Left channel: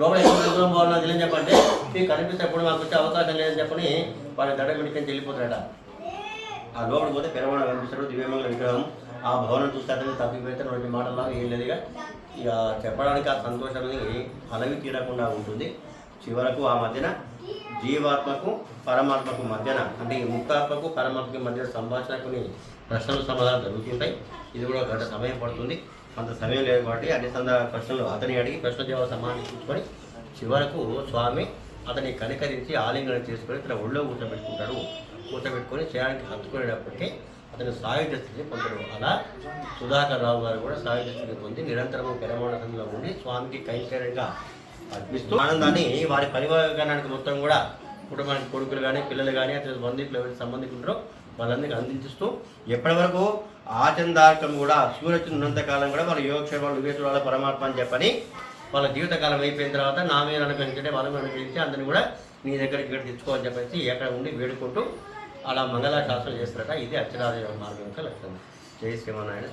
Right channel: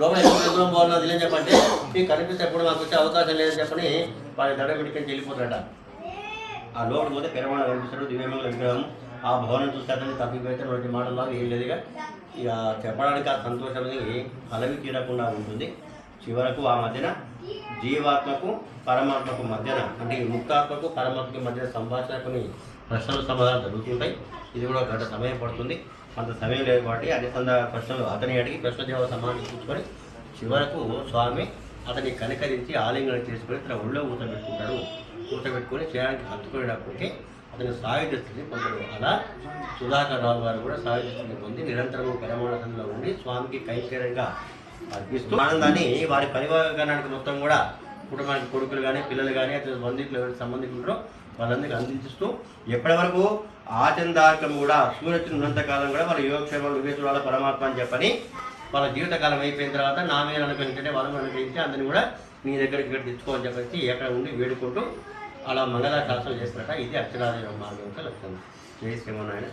లోపల ఎంత దూరం పోవాలో తెలియని చెప్పంటే మీ కనిపిస్తేప్పుడు మాకు వచ్చే అవకాశం లేదని చెప్పని వారి దడ పెట్టుకొని వెళ్ళిపోతారట ఆ లోపల పోతే పెరమాడ కనిపిస్తాడు దివ్యమంగళ విగ్రహం. ఆ భవనం చూస్తారని తప్పిపోతే రెండు మాటల్లో ఏం లేదుగా. ఇక చెప్పడానికి ఆ సంతోషం అనేది అలవి తీరకుండా ఉంటుంది. చివరకు ఆ మధ్యన జీవాత్మకు పరమాత్మకు మధ్యన అంటే ముక్తాత్మకు పరమాత్మకు మధ్య సంభాషణ కొన్ని ప్రశ్నలు సమాధానం జరుగుతుంటాయి. ఇది కూడా గంట సమయం పడుతుంది. అంత సమయం లేదు కాబట్టి అన్ని సందర్భ ప్రశ్నలు అతని అడిగి ప్రశ్న సమాధించుకొని చివరకు స్వామి అతన్ని కనికరించి ఆలింగనం చేసుకొని తన ఒళ్ళో కూర్చోబెట్టుకుంటారు. కూర్చోబెట్టుకొని చేయడానికి హత్తుకునేటప్పటికీ అతను సాయుధ స్థితిని పొందడు అలా సుధాకర్ రావు గారు కూడా సాయుధ స్థితిని పొంది నిరంతరము పెరమానందంలో ఉండి స్వామికి కైంకర్యంగా అర్పిస్తూ ఆనందాన్ని వారి పరివారానికి మొత్తం కూడా కుటుంబానికి కొడుకులు కానీ పిల్లలు కానీ అతని బంధువులు ఎవరైతే సంబంధికులు వాళ్ళందరికీ అందించిస్తూ ఎప్పటి వరకు ఆచందార్కం కూడా సూర్యుడు ఉన్నంతకాలం కూడా వాళ్ళ యోగక్షేమం వివేచుల పరమాత్మ అని చెప్పని వాళ్ళ జీవితకాలం అయిపోయిన తర్వాత నా మీద అనుకరించే వాళ్ళని అనుకరించి అందరిని కూడా మీ దగ్గరికి ఇక్కడ తెచ్చుకోవాలని చెప్పేసి ఎక్కడ ఉండి వేడుకుంటూ అలా మంగళాశాసనం చేస్తారట. ఇది అక్షరాల మార్గం యొక్క లక్ష్యం జై శ్రీమన్నారాయణ